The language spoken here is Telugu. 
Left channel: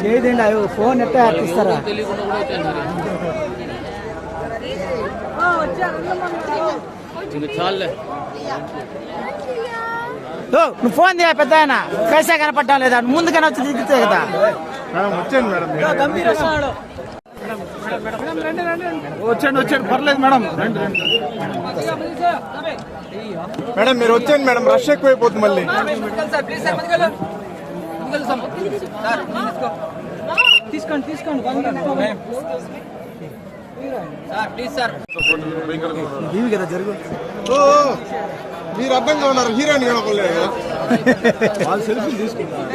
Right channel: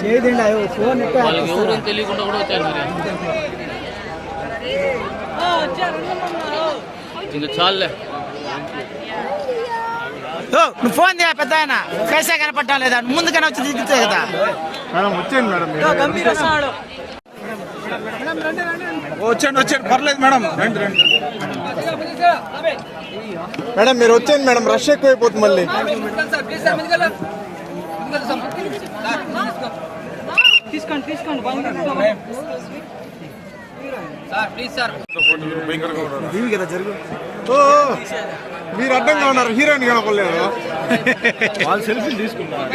చేయదండి అయ్యో ఫోన్ ఎట్లా ఇస్తారా చాలే నువ్వు ఫోన్ చేయ పెద్ద ఆయన పైసా కనపడ్డా లేదా ముందుగానే వచ్చి చూపించావు కదా వచ్చాను పర్లేదు మేడం రండి రండి మేడం మీరు వచ్చాను మేడం రష్ ఎక్కువైపోతుంది మళ్ళీ మీరు అడ్డంగా ఉన్నారు హీరోయిన్ కనపడలేదు వాళ్ళు సెల్ఫీ తీసుకున్నారు